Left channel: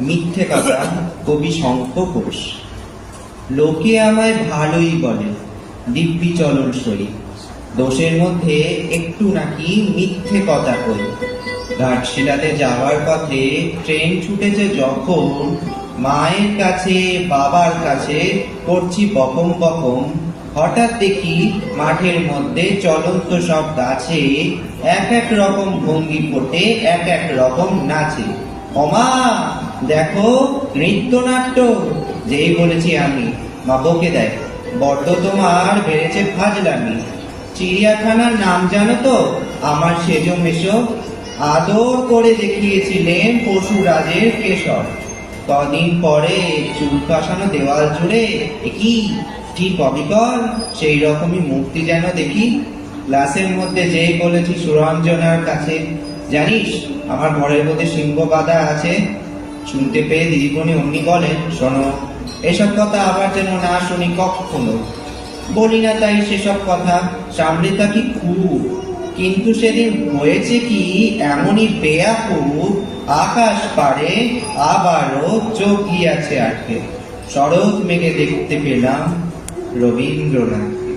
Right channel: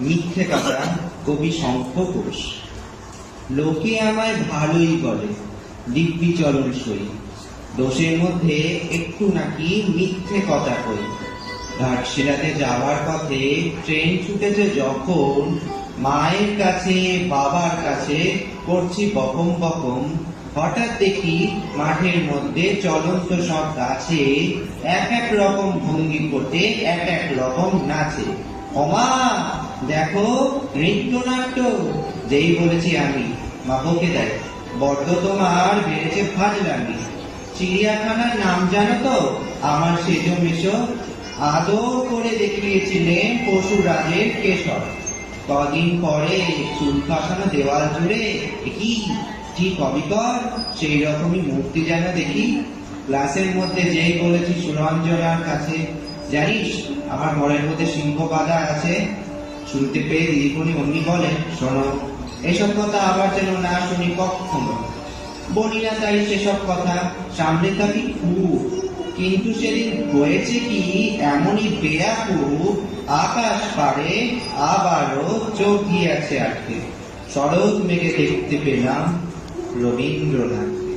মিথ্যে কথা কবি শঙ্খ ঘোষ। লোকে আমায় ভালোই বলে, দিব্যি চলন সই, দোষের মধ্যে একটু নাকি মিথ্যে কথা কই। ঘাটশিলাতে যাওয়ার পথে ট্রেন ছুটেছে যখন, মায়ের কাছে বাবার কাছে করছি বকম বকম, হঠাৎ দেখি মাঠের মধ্যে চলন্ত সব গাছে এক এক রকম ভঙ্গি করতে এক এক রকম নাচে। ওমা দেখো নৃত্যনাট্য! যেই বলেছি আমি, মা বকে দেয়, বড্ড তোমার বেড়েছে ফাজলামি। চিড়িয়াখানার নাম জানো তো? আমার সেজো মেশো আদৌ করে দেখিয়েছিলেন পশুরাজের কেশর। কদিন পরে চুল কাসানো দেওয়াল জুড়ে কি ঠিক অবিকল সেই রকমই মূর্তি যেন দেখি। ক্লাসের মধ্যে যেই বলেছি সুরঞ্জনার কাছে, জানিস আমার ঘরের মধ্যে সিংহ বাঁধা আছে। শুনতে পেয়ে দিদিমণি অমনি বলেন, শোনো, এসব কথা আবার যেন না শুনি কখনো। বলি না তাই সেসব কথা, সামনে থাকি খুব। কিন্তু সেদিন হয়েছে কি, এমনই বেয়াকুব, আকাশ পারে আবারও চোখ গিয়াছে আটকে। শরৎ মেঘে দেখতে পেলাম রবীন্দ্রনাথ।